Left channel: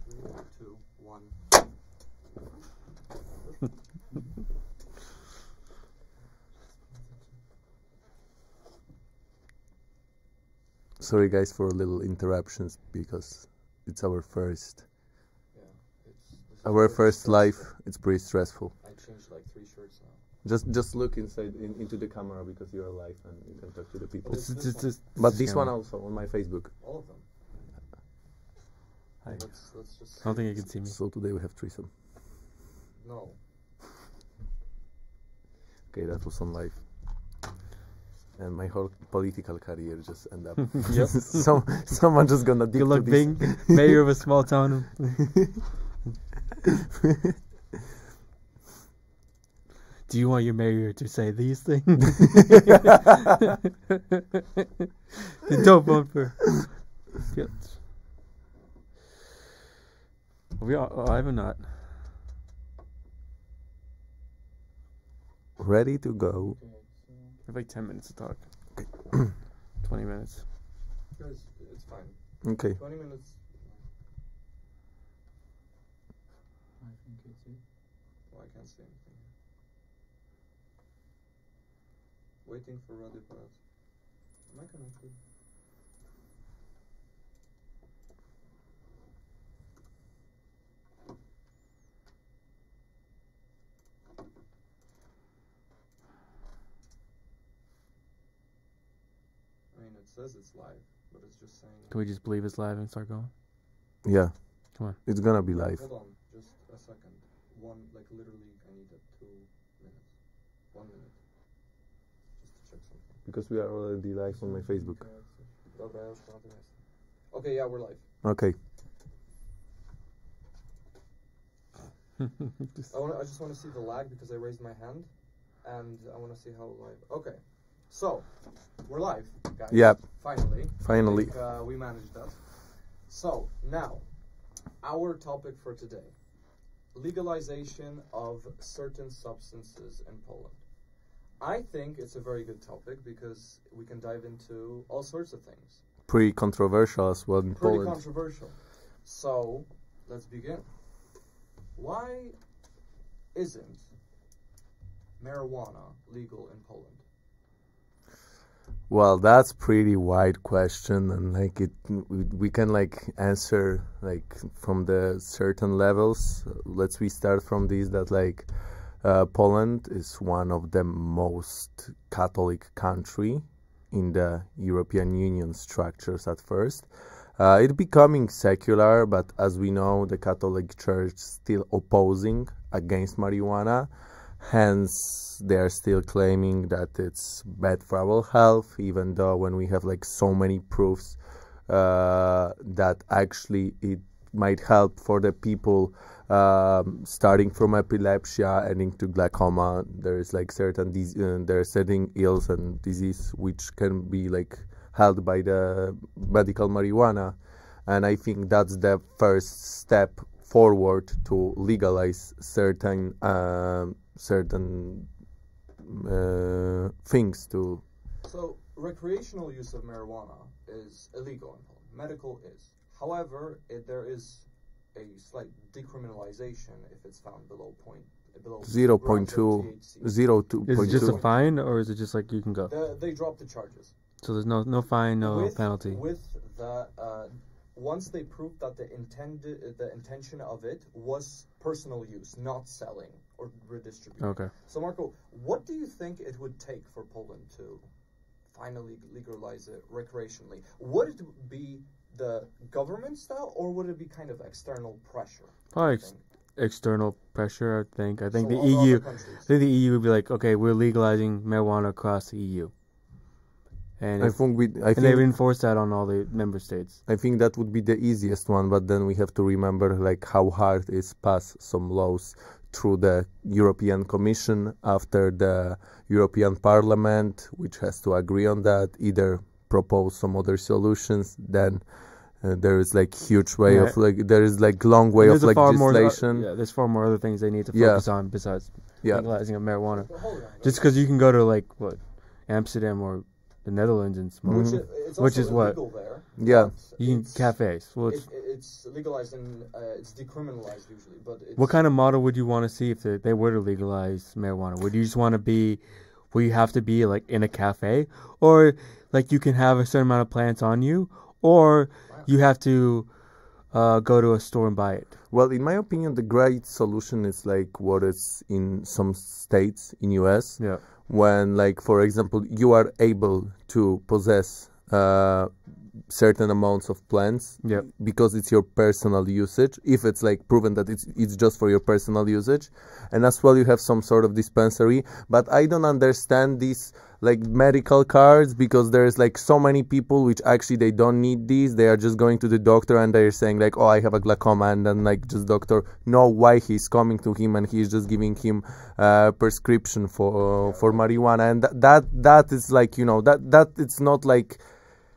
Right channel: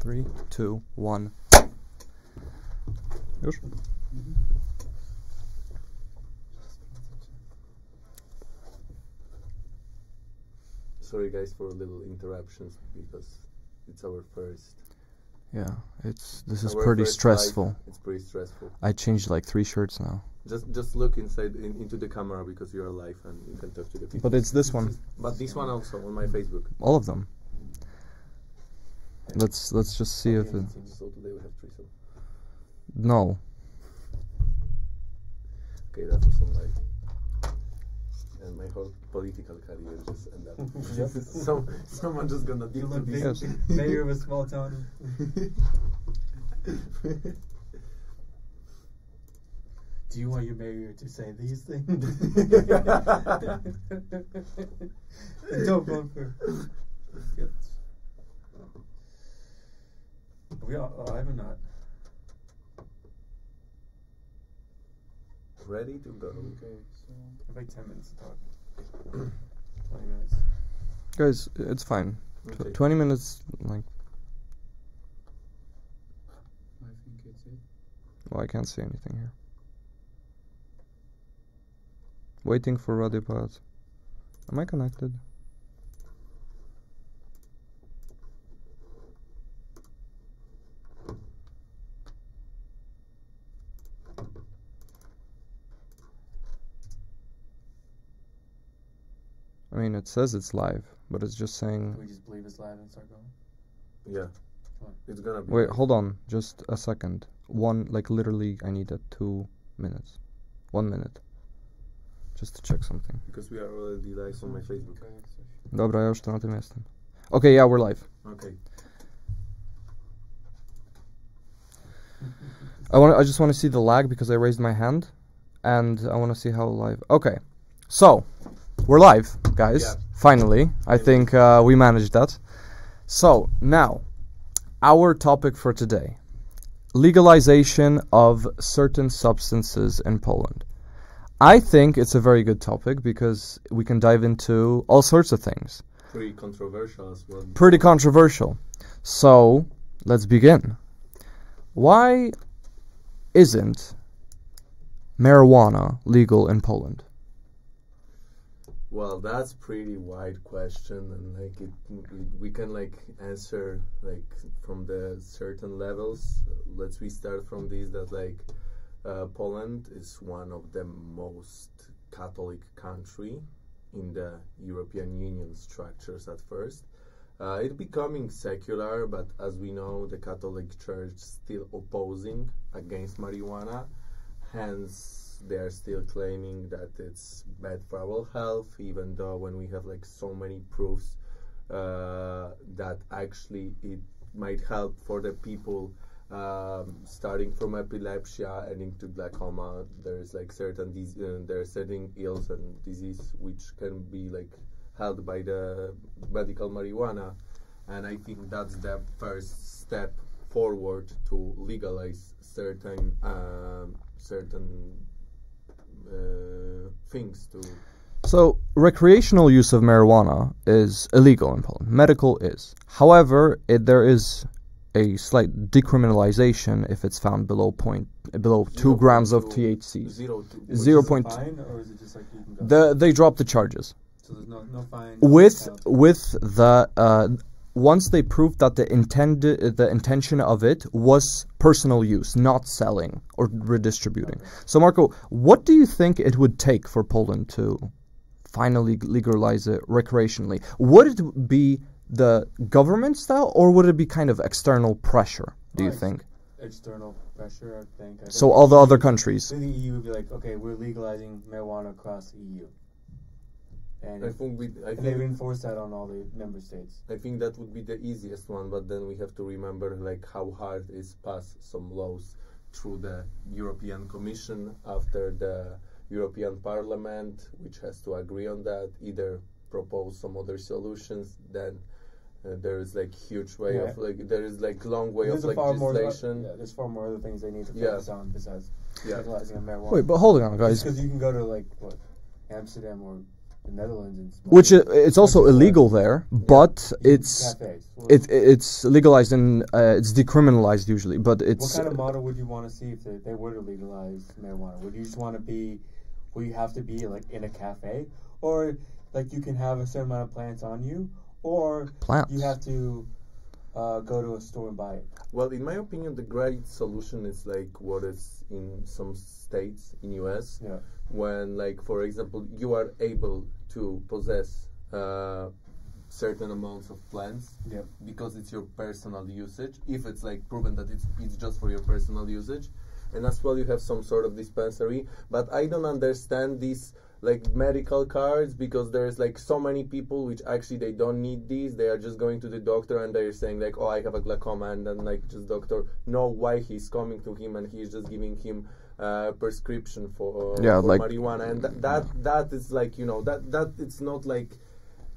3, 2, 1. Już? Sorry guys for little interruptions because it's our first. Yeah, this is Our pretty first stressful. live. It's pretty stressful. I changed like 3 shirts now. Just look into the camera because you're live and you can talk to the people. But it's this one. But this one also on my Facebook. All of them. Let's just see if So today we have threesome. No. Okay, that was on live. And my whole political career just end up. Yep. Someone just gonna dig Good luck to being this. mayor of a small town. Do you want your mayor to say these things? Don't vote for. Yes. We are alive or not? Ready to go. Okay, so I have like 10 minutes to talk. 20 minutes. Guys, it's fine. Okay. 20 minutes, like... I think it's it. Well, I can't see anything here. Waiting for Radipad. Am I connected? I mean, it says it's live, but it's just saying... Can we just believe it's live and start going? Yeah. Come on. It's gonna be Wait, live. hold on. Just a second. Literally, I need 2 minutes. 1 minute. Just to check something. Because we are already live on my Facebook. Dobra, ja już to na tym jestem. Okay, yeah, we're live. Okay. I just want to see the lag because I raised my hand, and I want to see how live. Okay, so we're live, guys. Yeah. Finally. I think we managed that. So now, our topic for today: legalization of certain substances in Poland. I think it's a very good topic because we can dive into all sorts of things. Pretty controversial as well. Pretty controversial. So let's begin. Why isn't marijuana legal in Poland? Well, that's pretty wide question, and like we can like answer like from the certain levels. We start from this that like Poland is one of the most Catholic country in the European Union structures at first. It's becoming secular, but as we know, the Catholic Church still opposing against marijuana. Hence, they are still claiming that it's bad for our health, even though when we have like so many proofs that actually it might help for the people starting from epilepsy, ending to glaucoma. There is like certain there are certain ills and disease which can be like held by the medical marijuana, and I think that's the first step forward to legalize certain things to. So, recreational use of marijuana is illegal in Poland. Medical is. However, there is a slight decriminalization if it's found below 2 grams of THC. 0.2. Is Zero it point- a fine, or is it just like you can go? They dropped the charges. So there's no fine, no with penalty. the once they proved that the intention of it was personal use, not selling or redistributing. Okay. So Marco, what do you think it would take for Poland to finally legalize it recreationally? Would it be the government style, or would it be kind of external pressure, do you think? External pressure, I think. So all the other countries. So the EU would be like, okay, we're legalizing marijuana across the EU. And I think they would enforce that on all the member states. I think that would be the easiest one, but then we have to remember like how hard it is pass some laws through the European Commission after the European Parliament, which has to agree on that, either propose some other solutions. Then there is like huge way of like there is like long way of like legislation. There's far more other things they need to focus on besides legalizing of marijuana. Wait, but hold on, guys. Just because you can go to like what Amsterdam or the Netherlands and smoke. It's also illegal there, but it's cafes. It's legalized and it's decriminalized usually. But it's what kind of model would you want to see if they were to legalize marijuana? Would you just want to be where you have to be like in a cafe, or like you can have a certain amount of plants on you, or you have to go to a store and buy it? Well, in my opinion, the great solution is like what is in some states in US. Yeah. When, like, for example, you are able to possess certain amounts of plants because it's your personal usage, if it's like proven that it's just for your personal usage, and as well you have some sort of dispensary. But I don't understand these like medical cards, because there's like so many people which actually they don't need these. They are just going to the doctor and they're saying like, oh, I have a glaucoma, and then like just doctor know why he's coming to him and he's just giving him prescription for like marijuana, and that is like, you know, that it's not like,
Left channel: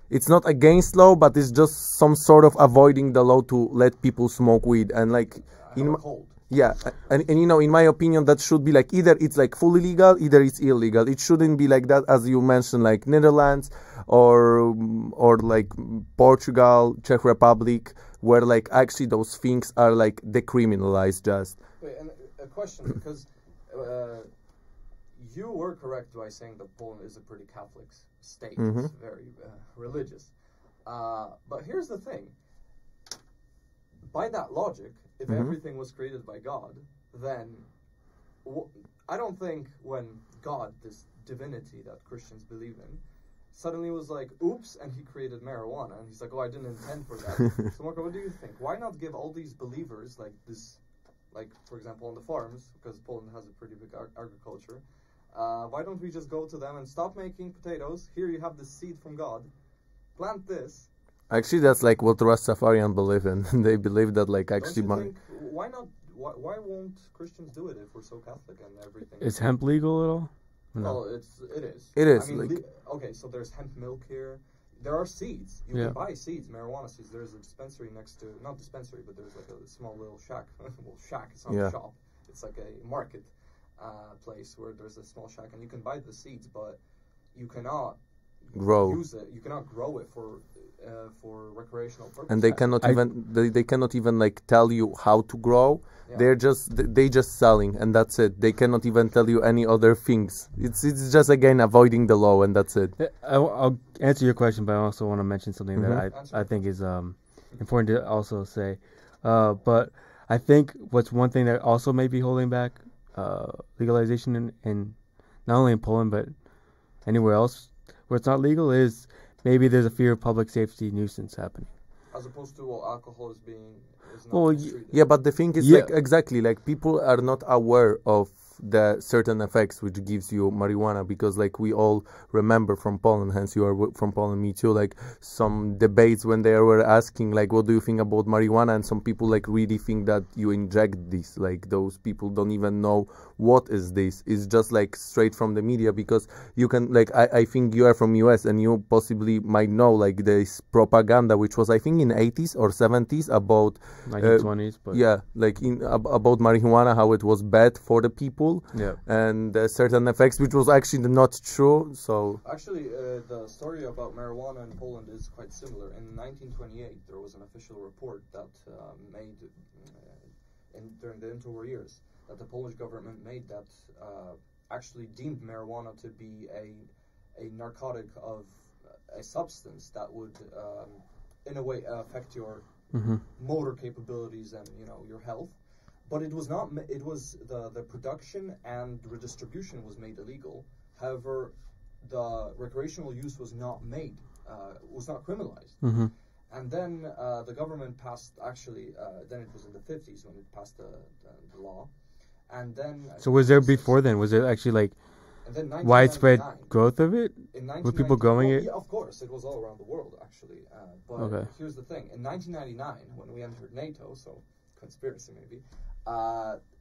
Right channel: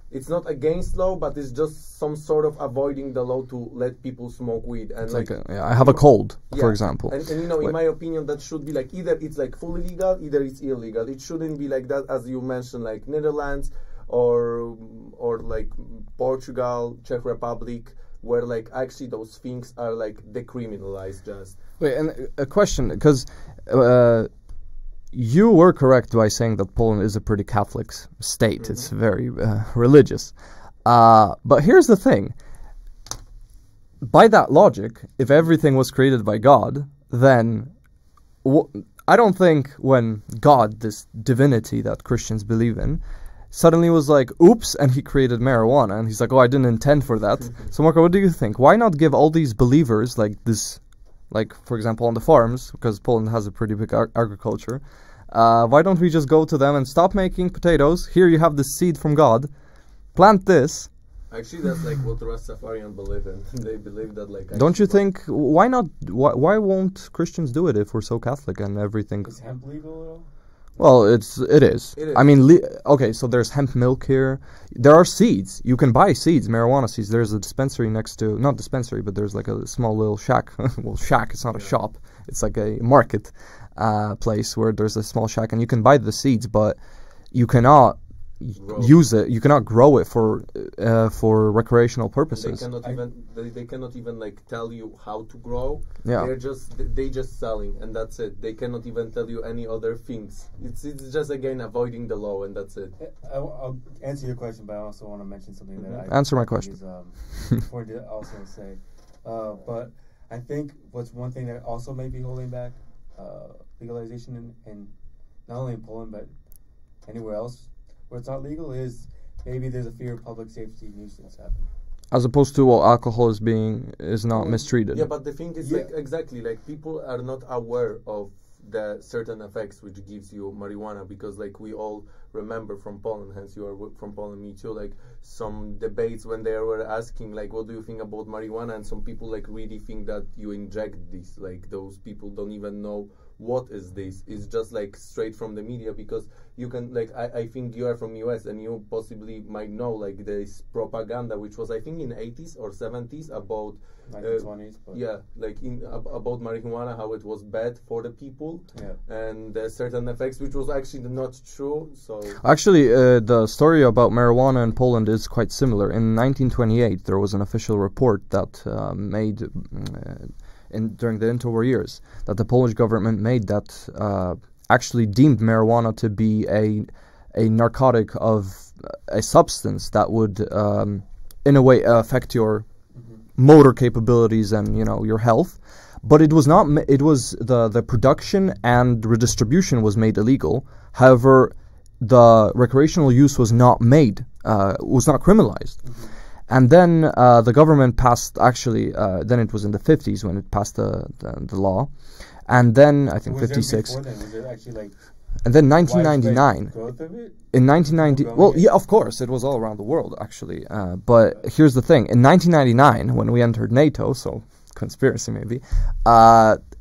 it's not against law, but it's just some sort of avoiding the law to let people smoke weed. And like I have a cold, for example. And you know, in my opinion, that should be like either it's like fully legal, either it's illegal. It shouldn't be like that, as you mentioned, like Netherlands or like Portugal, Czech Republic, where like actually those things are like decriminalized just. Wait, and a question, because you were correct by saying that Poland is a pretty Catholic state. Mm-hmm. It's very religious. But here's the thing. By that logic, if everything was created by God, then I don't think when God, this divinity that Christians believe in, suddenly was like, oops, and he created marijuana. And he's like, oh, I didn't intend for that. So, Marco, what do you think? Why not give all these believers, like this, like, for example, on the farms, because Poland has a pretty big agriculture, why don't we just go to them and stop making potatoes? Here you have the seed from God. Plant this. Actually, that's like what Rastafarian believe in. They believe that, like, don't you think? Why not? Why won't Christians do it if we're so Catholic and everything? Is hemp legal at all? Well, it is. It is. I mean, okay. So there's hemp milk here. There are seeds. You can buy seeds, marijuana seeds. There's a dispensary next to, not dispensary, but there's like a small little shack. Well, shack. It's not a shop. It's like a market place where there's a small shack, and you can buy the seeds, but you cannot use it. You cannot grow it for recreational purposes. And they cannot even like tell you how to grow. Yeah. They just selling, and that's it. They cannot even tell you any other things. It's just again avoiding the law, and that's it. I'll answer your question, but I also want to mention something that I think is important to also say. But I think what's one thing that also may be holding back legalization in not only in Poland but anywhere else where it's not legal is maybe there's a fear of public safety nuisance happening, as opposed to alcohol is not mistreated. Yeah, but the thing is like exactly like people are not aware of the certain effects which gives you marijuana, because like we all remember from Poland, hence you are from Poland, me too, like some debates when they were asking like, what do you think about marijuana, and some people like really think that you inject this, like those people don't even know what is this. It's just like straight from the media, because you can like I think you are from US and you possibly might know like this propaganda which was I think in 80s or 70s about 1920s but like about marijuana, how it was bad for the people and certain effects which was actually not true. So actually the story about marijuana in Poland is quite similar. In 1928 there was an official report that made during the interwar years that the Polish government made that actually deemed marijuana to be a narcotic of a substance that would in a way affect your motor capabilities and your health. But it was not. It was the production and redistribution was made illegal. However, the recreational use was not criminalized. Mm-hmm. And then the government passed. Actually, then it was in the 50s when it passed the law, and then I think. So was 56, there before then? Was there actually like? And then 1999 growth of it. In 1990, well, yeah, of course, it was all around the world actually. But here's the thing: in 1999, when we entered NATO, so conspiracy maybe,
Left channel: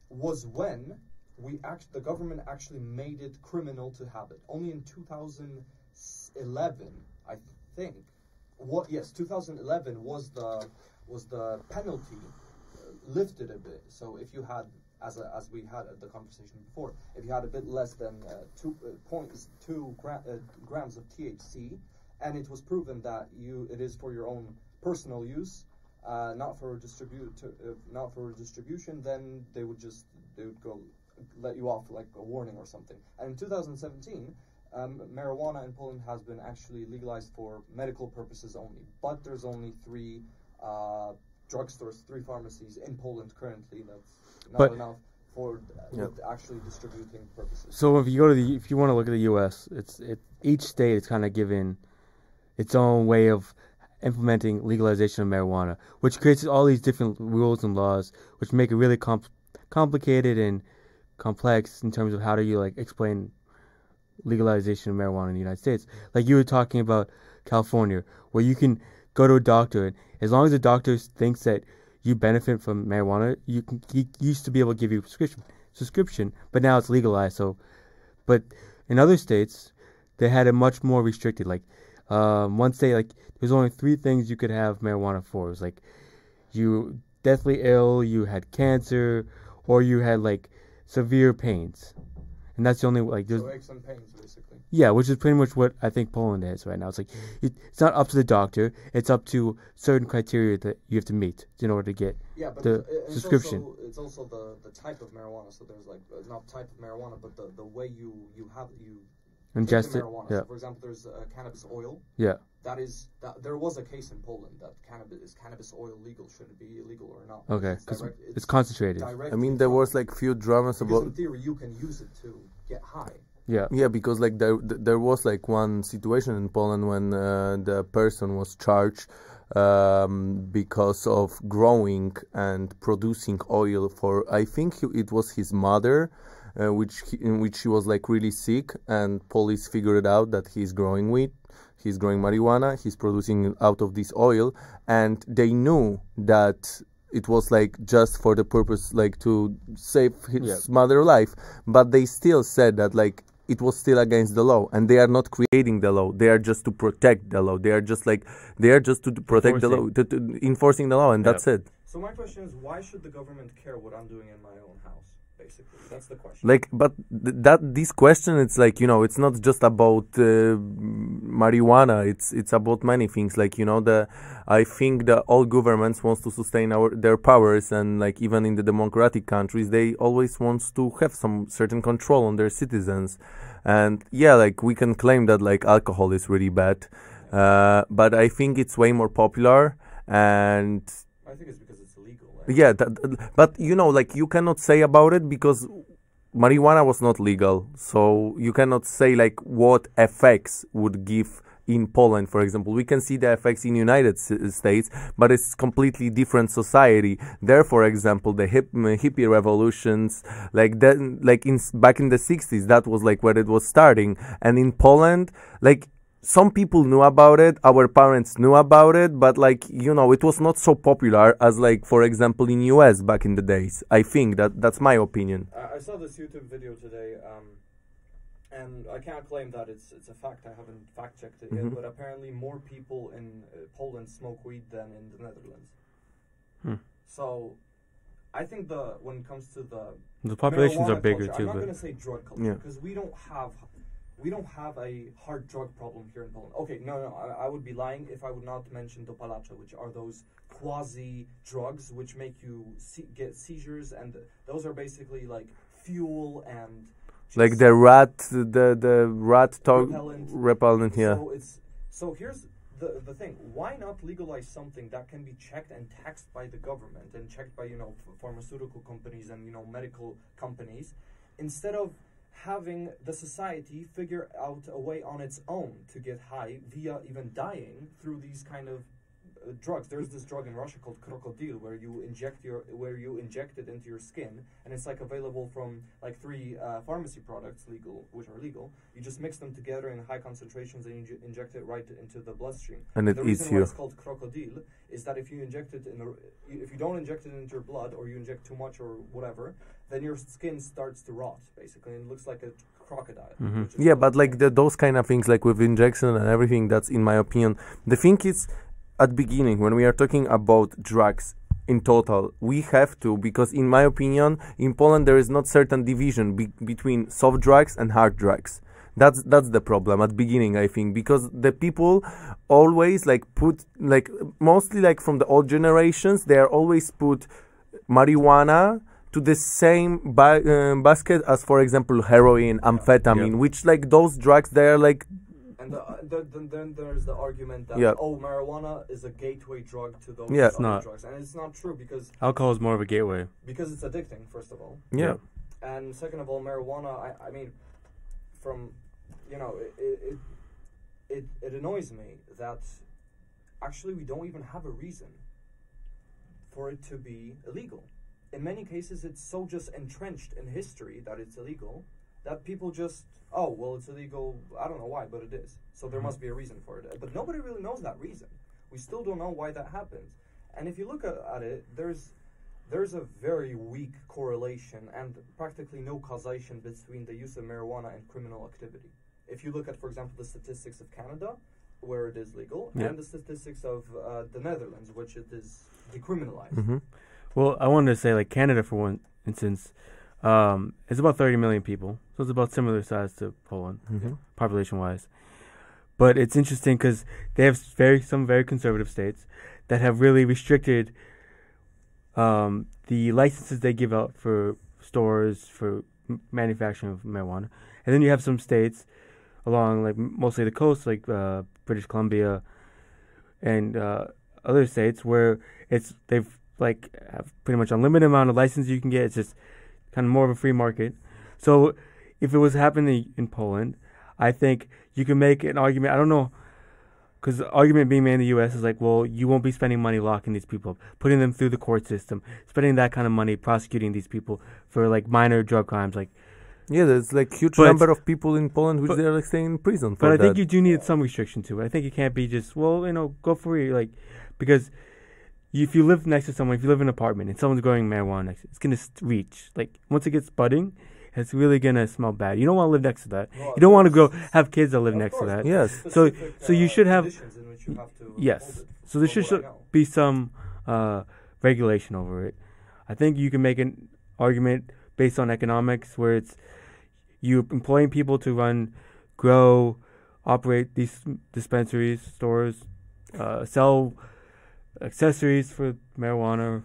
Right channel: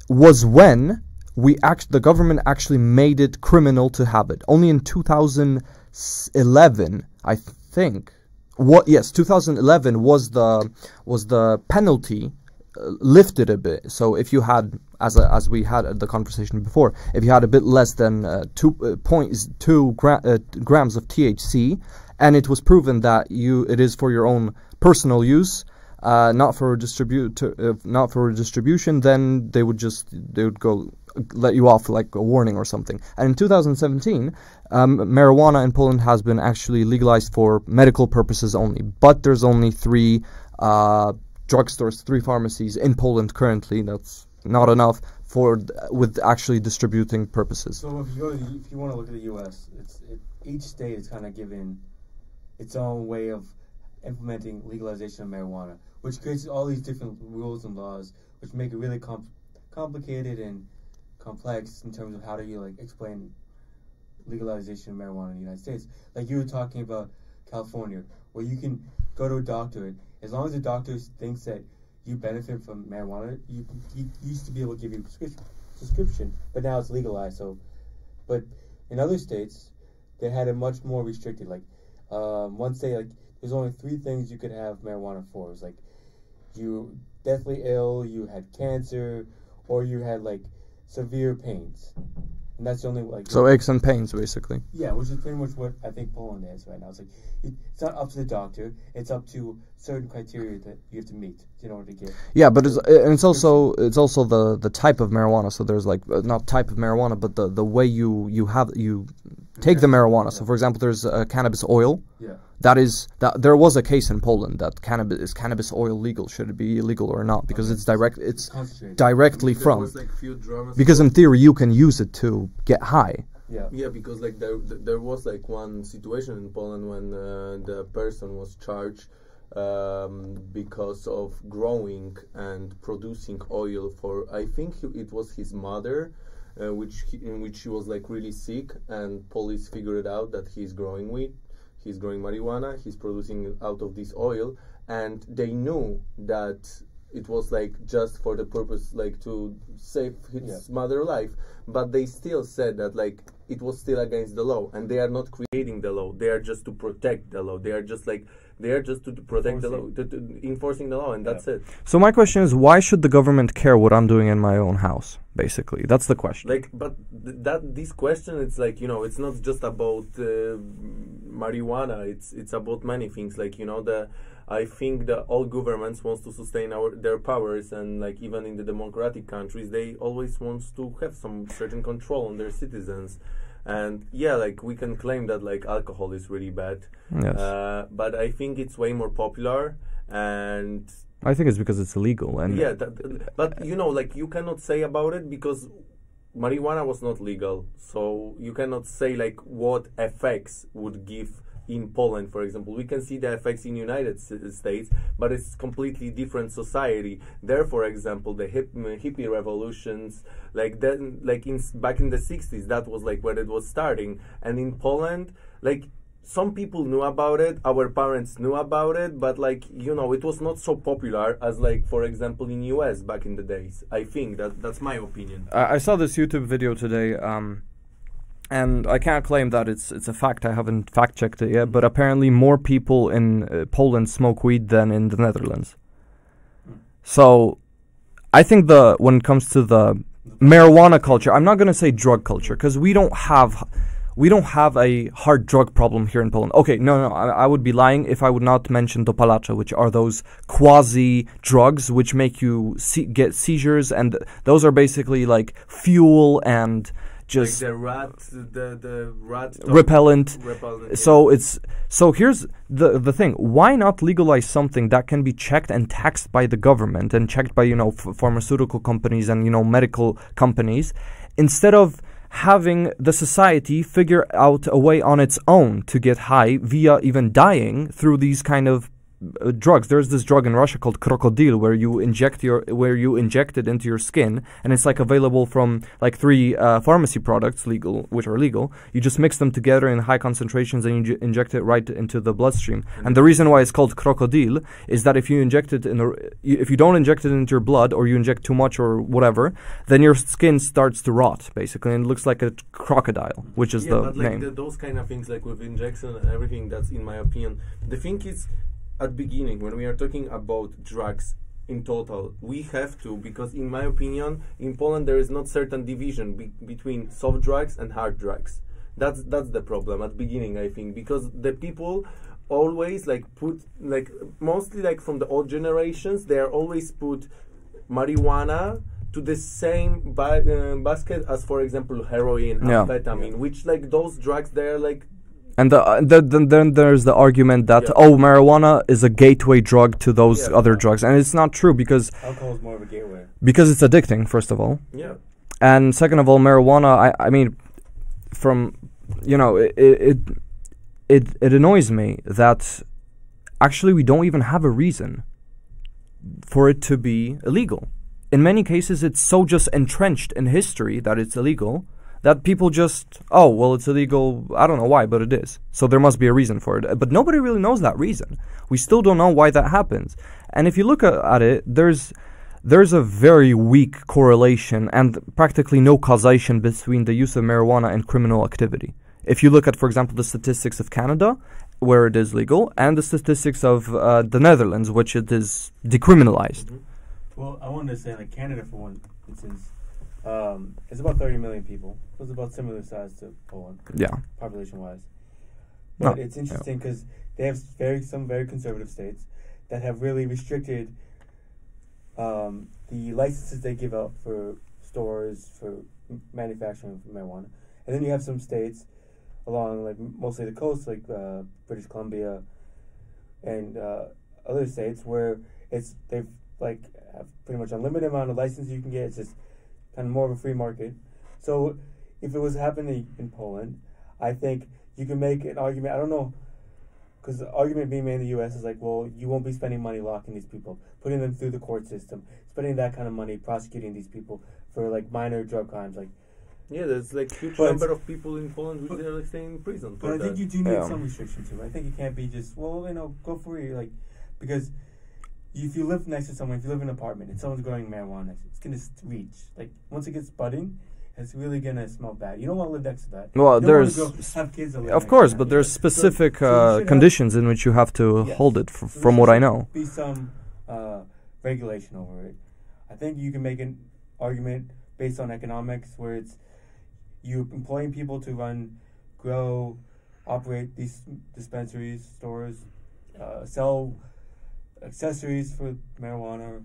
was when the government actually made it criminal to have it. Only in 2011, I think. 2011 was the penalty lifted a bit. So if you had, as we had the conversation before, if you had a bit less than 2.2 grams of THC, and it was proven that it is for your own personal use, not for distribution, then they would go let you off like a warning or something. And in 2017, marijuana in Poland has been actually legalized for medical purposes only. But there's only 3 drugstores, 3 pharmacies in Poland currently. That's not enough with actually distributing purposes. So if you want to look at the U.S., each state is kind of given its own way of implementing legalization of marijuana, which creates all these different rules and laws, which make it really complicated and complex in terms of how do you like explain legalization of marijuana in the United States. Like you were talking about California, where you can go to a doctor, and as long as the doctor thinks that you benefit from marijuana, he used to be able to give you a prescription, but now it's legalized. So, but in other states, they had it much more restricted. Like one state, like there's only 3 things you could have marijuana for. It was like you deathly ill, you had cancer, or you had like severe pains, and that's the only like. So aches and pains, basically. Yeah, which is pretty much what I think Poland is right now. It's like it's not up to the doctor; it's up to certain criteria that you have to meet in order to get. Yeah, but it's also the type of marijuana. So there's like not type of marijuana, but the way you take the marijuana. Yeah. So for example, there's cannabis oil. Yeah. There was a case in Poland that cannabis oil legal? Should it be illegal or not? Because it's concentrated directly there from. Was like few dramas. Because in theory you can use it to get high. Yeah. Yeah, because like there was like one situation in Poland when the person was charged because of growing and producing oil for, I think it was his mother. In which she was like really sick, and police figured out that he's growing weed, he's growing marijuana, he's producing out of this oil, and they knew that it was like just for the purpose like to save his mother's life, but they still said that like it was still against the law, and they are not creating the law, they are just to protect the law, they are just to protect the law, to enforcing the law, and that's it. So my question is, why should the government care what I'm doing in my own house? Basically, that's the question. Like, but this question, it's like, you know, it's not just about marijuana. It's about many things. Like, you know, I think that all governments wants to sustain their powers, and like even in the democratic countries, they always wants to have some certain control on their citizens. And yeah, like we can claim that like alcohol is really bad, but I think it's way more popular, and I think it's because it's illegal. And yeah, but you know, like you cannot say about it because marijuana was not legal, so you cannot say like what effects would give in Poland, for example. We can see the effects in United States, but it's completely different society. There, for example, the hippie revolutions, like that, like back in the 60s, that was like where it was starting. And in Poland, like some people knew about it, our parents knew about it, but like, you know, it was not so popular as like, for example, in US back in the days. I think that's my opinion. I saw this YouTube video today, and I can't claim that it's a fact. I haven't fact-checked it yet, but apparently more people in Poland smoke weed than in the Netherlands. So I think when it comes to the marijuana culture, I'm not going to say drug culture, because we don't have a hard drug problem here in Poland. Okay, no, I would be lying if I would not mention dopalacze, which are those quasi-drugs which make you get seizures, and those are basically like fuel and just like the rat repellent. Yeah. So here's the thing: why not legalize something that can be checked and taxed by the government and checked by pharmaceutical companies and medical companies, instead of having the society figure out a way on its own to get high via even dying through these kind of drugs. There's this drug in Russia called crocodile where you inject it into your skin, and it's like available from like 3 pharmacy products which are legal. You just mix them together in high concentrations and you inject it right into the bloodstream. And the reason why it's called crocodile is that if you don't inject it into your blood, or you inject too much or whatever, then your skin starts to rot basically, and it looks like a crocodile, which is but like those kind of things, like with injection and everything, that's in my opinion. The thing is, at beginning, when we are talking about drugs in total. We have to, because in my opinion, in Poland there is not certain division between soft drugs and hard drugs. That's the problem at beginning, I think, because the people always like put, like mostly like from the old generations, they are always put marijuana to the same basket as, for example, heroin, amphetamine, which like those drugs, they are like. And then there's the argument that marijuana is a gateway drug to those other drugs, and it's not true, because alcohol is more of a gateway. Because it's addicting, first of all. Yeah. And second of all, marijuana, I mean, from, you know, it annoys me that actually we don't even have a reason for it to be illegal. In many cases, it's so just entrenched in history that it's illegal that people just, oh, well, it's illegal, I don't know why, but it is. So there must be a reason for it. But nobody really knows that reason. We still don't know why that happens. And if you look at it, there's a very weak correlation and practically no causation between the use of marijuana and criminal activity. If you look at, for example, the statistics of Canada, where it is legal, and the statistics of the Netherlands, which it is decriminalized. Mm-hmm. Well, I wanted to say, like, Canada, for one instance, it's about 30 million people, so it's about similar size to Poland, population-wise. But it's interesting because they have some very conservative states that have really restricted the licenses they give out for stores for manufacturing of marijuana, and then you have some states along, like, mostly the coast, like British Columbia and other states where they've like have pretty much unlimited amount of licenses you can get. It's just kind of more of a free market. So if it was happening in Poland, I think you can make an argument. I don't know, because the argument being made in the U.S. is like, well, you won't be spending money locking these people, putting them through the court system, spending that kind of money prosecuting these people for like minor drug crimes. Like, yeah, there's like huge number of people in Poland which they're like staying in prison for that. But I think you do need some restriction to it. I think it can't be just, well, you know, go for it, like, because if you live next to someone, if you live in an apartment and someone's growing marijuana next to it, it's going to reach. Like, once it gets budding, it's really going to smell bad. You don't want to live next to that. Well, you don't want to go have kids that live next to that. Of course, but there's specific conditions in which you have to hold it, from what I know. Be some regulation over it. I think you can make an argument based on economics where it's you employing people to grow, operate these dispensaries, stores, sell accessories for marijuana,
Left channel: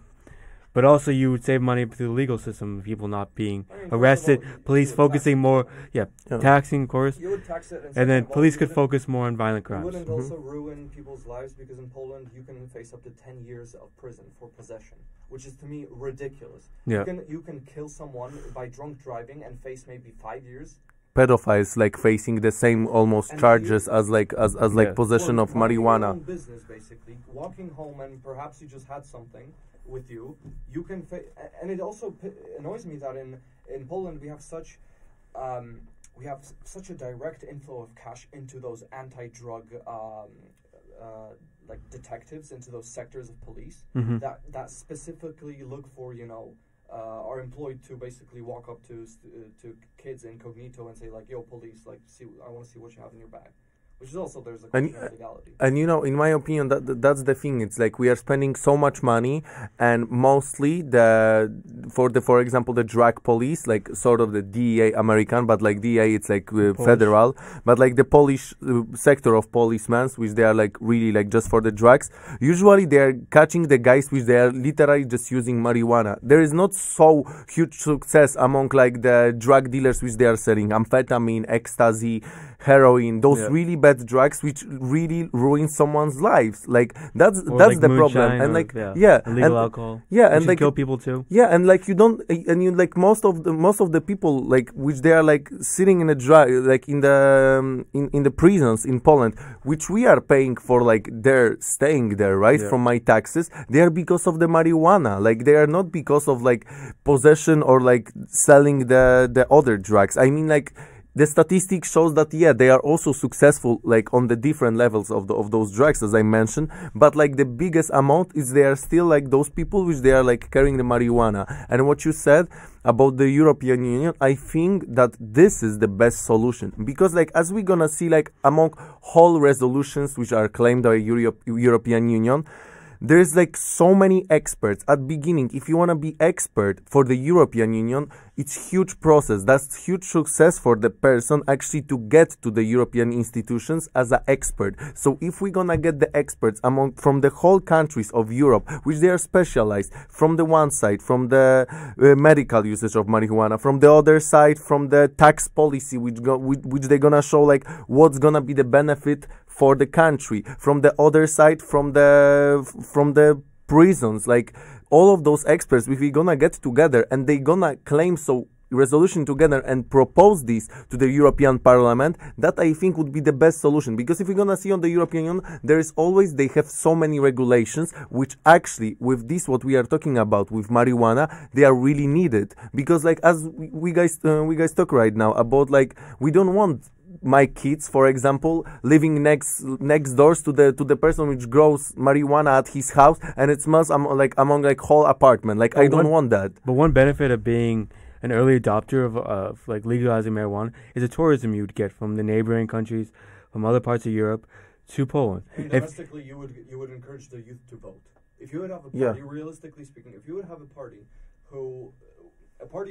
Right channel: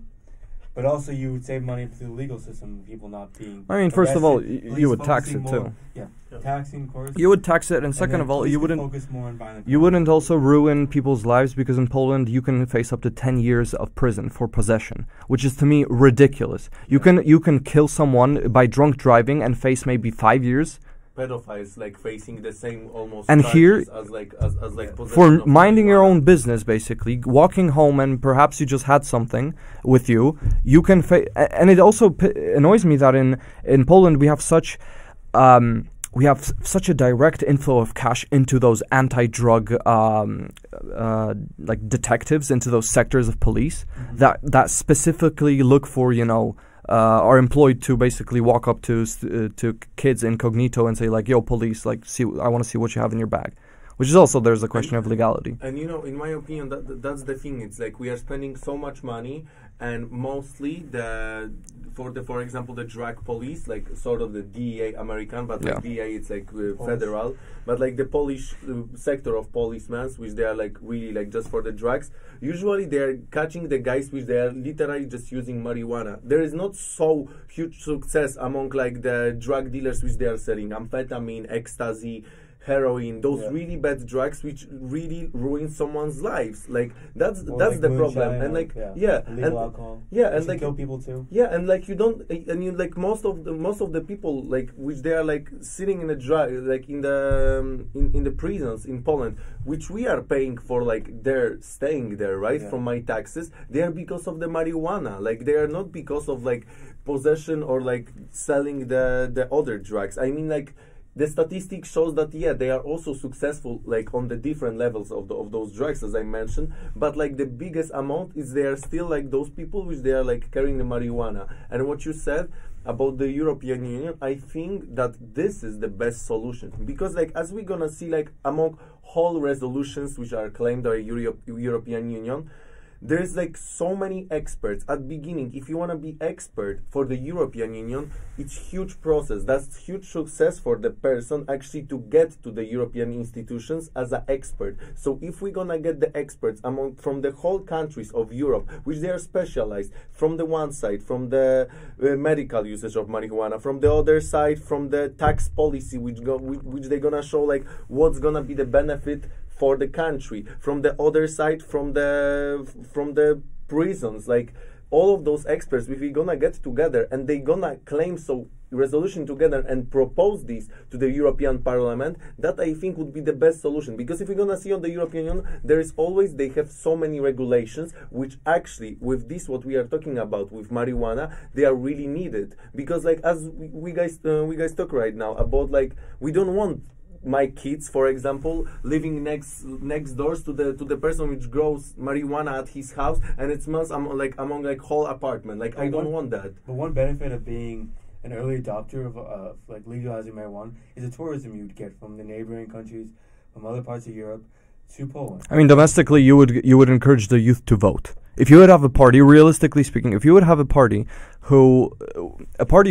but also you would save money through the legal system, people not being arrested, first of all, police focusing more, taxing, of course. You would tax it, and second of all, police could focus more on violent crimes. You wouldn't also ruin people's lives, because in Poland you can face up to 10 years of prison for possession, which is to me ridiculous. You can kill someone by drunk driving and face maybe 5 years. Pedophiles like facing the same almost charges as possession for of minding marijuana. Your own business, basically walking home, and perhaps you just had something with you. You can and it also annoys me that in Poland we have such a direct inflow of cash into those anti-drug like detectives, into those sectors of police that specifically look for, you know, are employed to basically walk up to kids incognito and say, like, yo, police, like, I want to see what you have in your bag. Which is also, there's a question of legality. And, you know, in my opinion, that's the thing. It's like we are spending so much money, and mostly for example, the drug police, like sort of the DEA American, but like DEA, it's like federal, but like the Polish sector of policemen, which they are like really like just for the drugs. Usually they are catching the guys which they are literally just using marijuana. There is not so huge success among like the drug dealers which they are selling amphetamine, ecstasy, heroin, those really bad drugs which really ruin someone's lives. Like that's like the problem. And like illegal alcohol. Yeah, and like kill people too. Yeah, and like you don't, and you like most of the people like which they are like sitting in a drug like in the prisons in Poland, which we are paying for, like they're staying there, right, from my taxes. They are because of the marijuana. Like they are not because of like possession or like selling the other drugs. I mean, like, the statistics shows that they are also successful like on the different levels of those drugs, as I mentioned, but like the biggest amount is they are still like those people which they are like carrying the marijuana. And what you said about the European Union, I think that this is the best solution, because like as we're gonna see like among whole resolutions which are claimed by European Union, there's like so many experts at beginning. If you want to be expert for the European Union, it's huge process. That's huge success for the person actually to get to the European institutions as an expert. So if we're gonna get the experts from the whole countries of Europe, which they are specialized, from the one side, from the medical usage of marijuana, from the other side, from the tax policy, which they're gonna show like what's gonna be the benefit for the country, from the other side, from the prisons, like all of those experts, if we're gonna get together and they gonna claim resolution together and propose this to the European Parliament, that I think would be the best solution. Because if we're gonna see on the European Union, they have so many regulations, which actually with this what we are talking about with marijuana, they are really needed. Because like as we guys talk right now about like we don't want my kids, for example, living next doors to the person which grows marijuana at his house, and it smells among whole apartment. Like I don't want that. But one benefit of being an early adopter of like legalizing marijuana is the tourism you'd get from the neighboring countries, from other parts of Europe to Poland. I mean, domestically, you would encourage the youth to vote. If you would have a party, realistically speaking, if you would have a party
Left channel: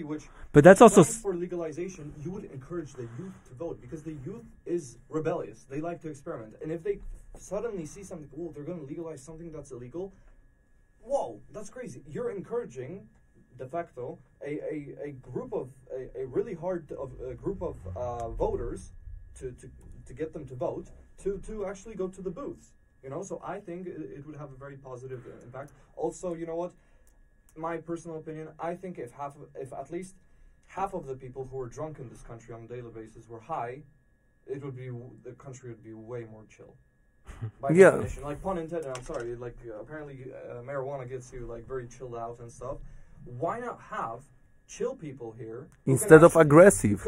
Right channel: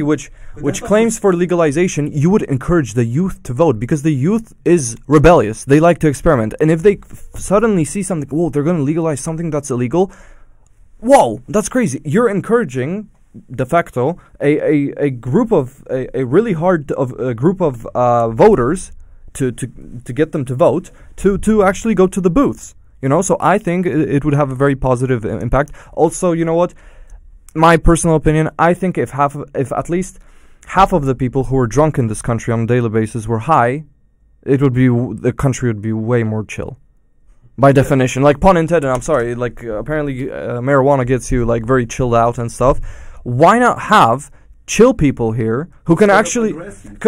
which claims for legalization, you would encourage the youth to vote, because the youth is rebellious. They like to experiment. And if they suddenly see something, whoa, they're going to legalize something that's illegal, whoa, that's crazy. You're encouraging, de facto, a group of voters to get them to vote to actually go to the booths. You know, so I think it would have a very positive impact. Also, you know what? My personal opinion, I think if at least half of the people who are drunk in this country on a daily basis were high, the country would be way more chill. By definition, like pun intended. I'm sorry. Like apparently, marijuana gets you like very chilled out and stuff. Why not have chill people here who can actually aggressive?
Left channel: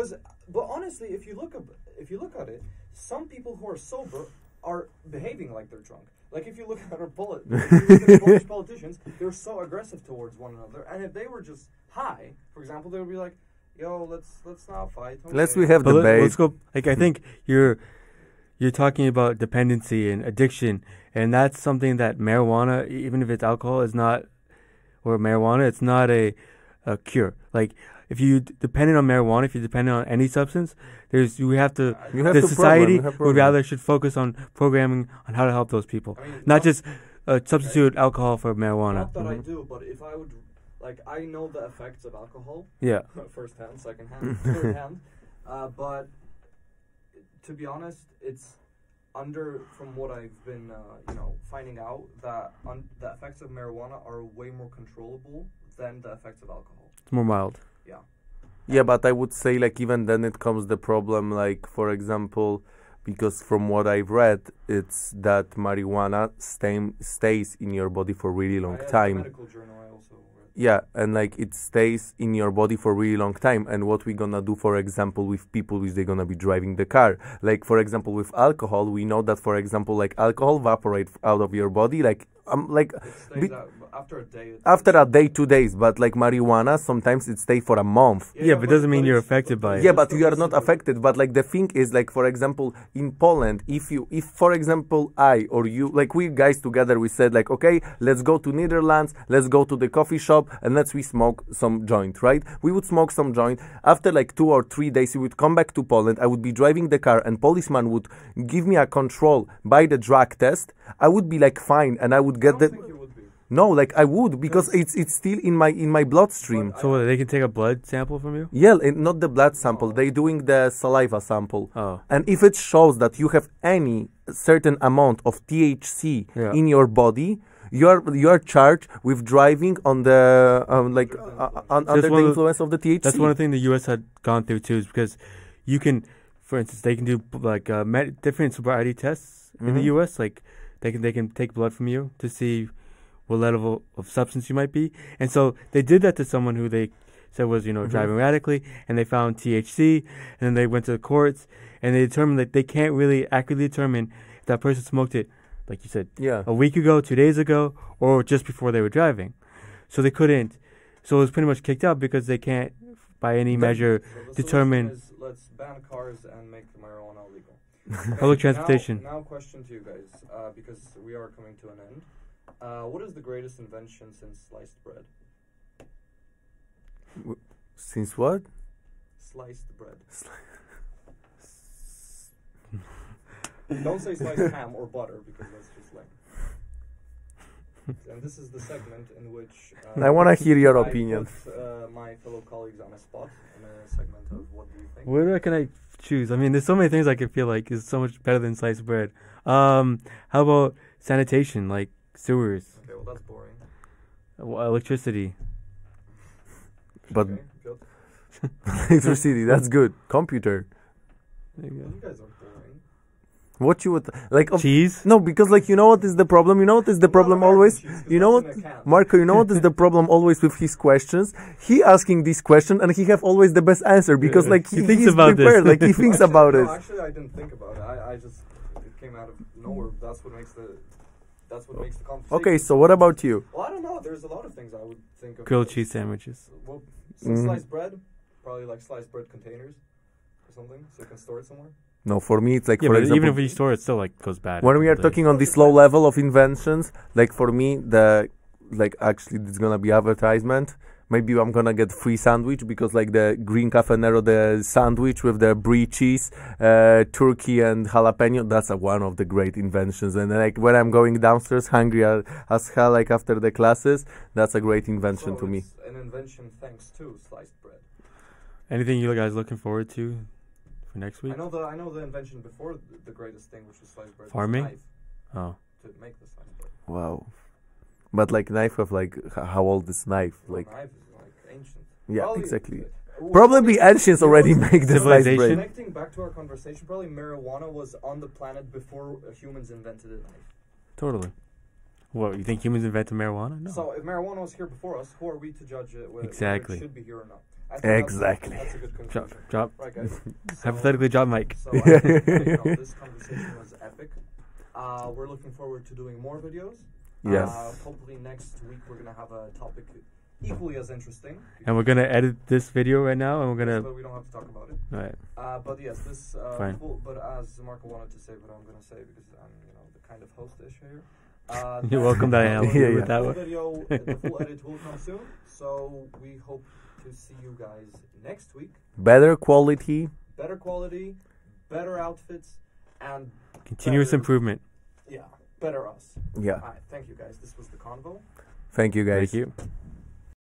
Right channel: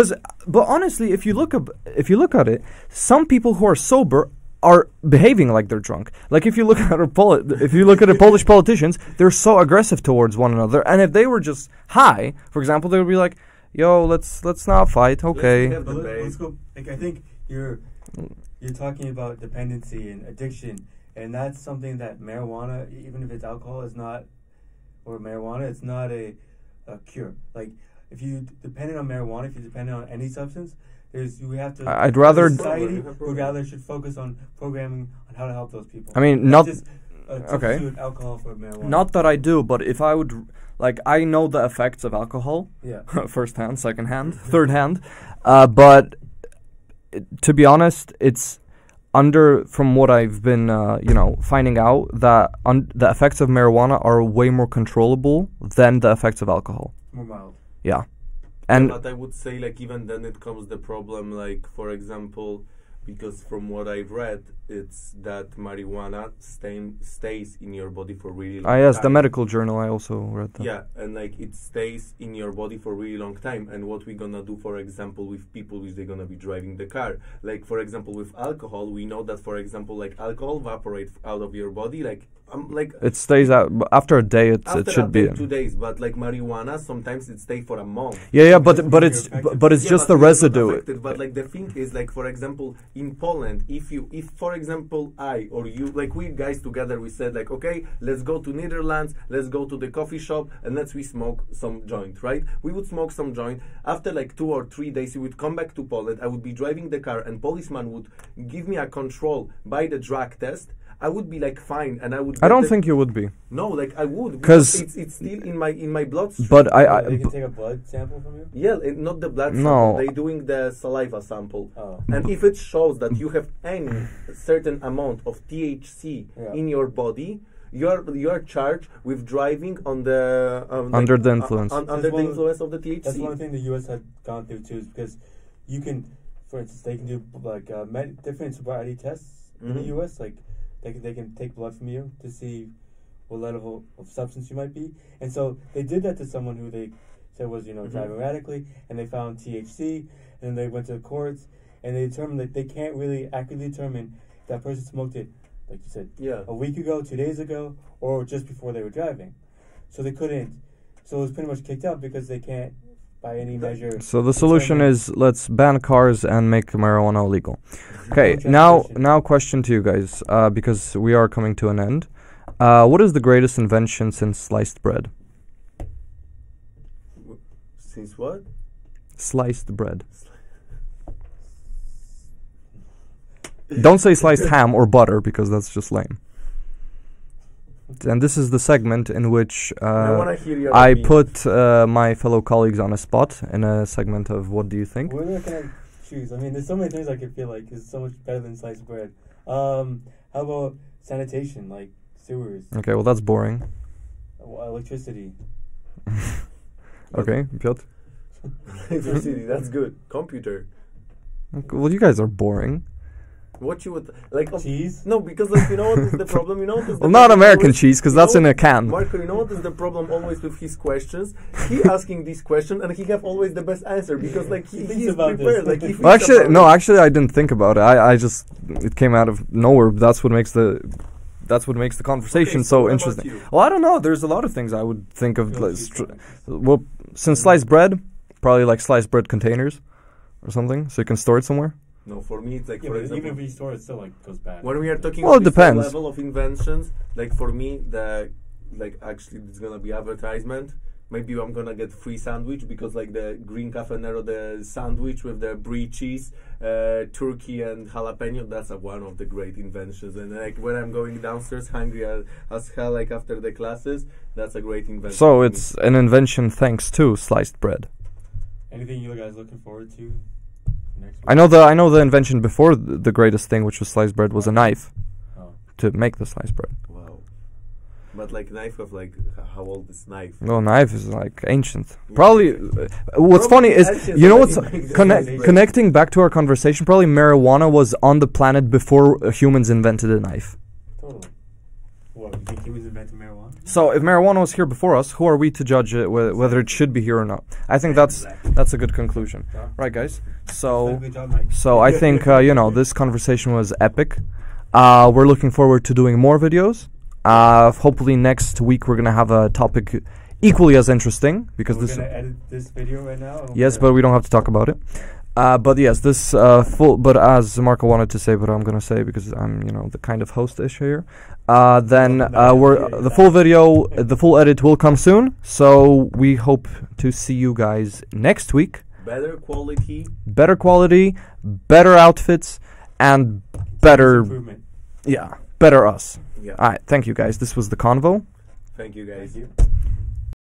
But honestly, if you look at it, some people who are sober are behaving like they're drunk. Like if you look at the Polish politicians, they're so aggressive towards one another. And if they were just high, for example, they would be like, "Yo, let's not fight. Okay, let's go." Like I think you're talking about dependency and addiction, and that's something that marijuana, even if it's alcohol, is not, or marijuana, it's not a cure. Like if you dependent on marijuana, if you're dependent on any substance, society should focus on programming on how to help those people. I mean, not just substitute alcohol for marijuana. Not that I do, but if I would, like, I know the effects of alcohol. Yeah, first hand, second hand, third hand. But to be honest, it's from what I've been, finding out, that the effects of marijuana are way more controllable than the effects of alcohol. It's more mild. Yeah. But I would say, like, even then it comes the problem, like, for example, because from what I've read, it's that marijuana stays in your body for really long time. Yes, the medical journal, I also read that. Yeah, and, like, it stays in your body for really long time. And what we're gonna do, for example, with people which they're gonna be driving the car. Like, for example, with alcohol, we know that, for example, like, alcohol evaporates out of your body, like, it stays out after a day. 2 days, but like marijuana, sometimes it stays for a month. But it's just the residue. Not affected, but like the thing is, like, for example, in Poland, if for example I or you, like we guys together, we said like, okay, let's go to Netherlands, let's go to the coffee shop and we smoke some joint, right? We would smoke some joint. After like 2 or 3 days, we would come back to Poland. I would be driving the car, and policeman would give me a control by the drug test. I would be like fine, and I would. I don't think you would be. No, like I would, because it's still in my bloodstream. But they can take a blood sample from you. Yeah, not the blood sample. They're doing the saliva sample. And if it shows that you have any certain amount of THC in your body, you are charged with driving on the under the influence. Under the influence of the THC. That's one thing the U.S. had gone through too, is because you can, for instance, they can do like different sobriety tests in the U.S. Like they can take blood from you to see what level of substance you might be, and so they did that to someone who they said was driving erratically, and they found THC, and then they went to the courts, and they determined that they can't really accurately determine if that person smoked it, like you said, a week ago, 2 days ago, or just before they were driving. So they couldn't. So it was pretty much kicked out because they can't, by any measure. So the solution is, let's ban cars and make marijuana illegal. Okay, now question to you guys, because we are coming to an end. What is the greatest invention since sliced bread? Since what? Sliced bread. Don't say sliced ham or butter because that's just lame. And this is the segment in which I want to hear your I opinion. put my fellow colleagues on a spot in a segment of what do you think? Where can I choose? I mean, there's so many things I could feel like is so much better than sliced bread. How about sanitation, like sewers? Okay, well that's boring. Electricity. Okay, Piotr? Electricity, that's good. Computer. Okay, well, you guys are boring. What you would like? Cheese? No, because like you know what is the problem? You know what is the Not problem American always? cheese because You that's know in a can. Marco, you know what is the problem always with his questions? He asking this question and he have always the best answer because like He thinks he's about prepared. this. Like he thinks Well, actually, about no, it. actually, I didn't think about it. I just it came out of nowhere. That's what makes the conversation Okay, so so what about interesting. you? Well, I don't know. There's a lot of things I would think of. Grilled cheese sandwiches. Well, since sliced bread, probably like sliced bread containers or something, so you can store it somewhere. No, for me it's like Yeah, for but example, even if you store it, still like goes bad. when we are Like, talking Well, on it this low depends. level of inventions, like for me the like actually it's gonna be advertisement. Maybe I'm gonna get free sandwich because like the green cafe nero, the sandwich with the brie cheese, turkey and jalapeno. That's one of the great inventions. And like when I'm going downstairs hungry as hell, like after the classes, that's a great invention. So to it's an invention thanks to sliced bread. anything you guys looking forward to for next week? I know the invention before the greatest thing, which was sliced bread, was a Farming? knife Oh. to make the sliced bread. me. Wow. But like knife of like how old is knife? No, knife is like ancient. Yeah, Probably. exactly. What's Probably funny is ancients you know already what's make the Conne- sliced bread. connecting back to our conversation. Probably marijuana was on the planet before humans invented a knife. Totally. What, you think humans invented marijuana? No. So if marijuana was here before us, who are we to judge it whether it Exactly. should be here or not? I think Exactly. that's a good conclusion. Drop. Right, guys. So Hypothetically drop mic. so I think this conversation was epic. We're looking forward to doing more videos. Hopefully next week we're gonna have a topic equally as interesting because And we're this- going to edit this video right now. And we're yes, gonna, but we don't have to talk about it. Right. But yes, this full. But as Marco wanted to say, but I'm gonna say because I'm the kind of host-ish here. Then welcome, Diane. we're Yeah, the yeah. full video, the full edit will come soon. So we hope to see you guys next week. Better quality. Better quality, better outfits, and Continuous better improvement. better us. Yeah. All right, thank you guys. This was the Convo. Thank you guys. Thank you.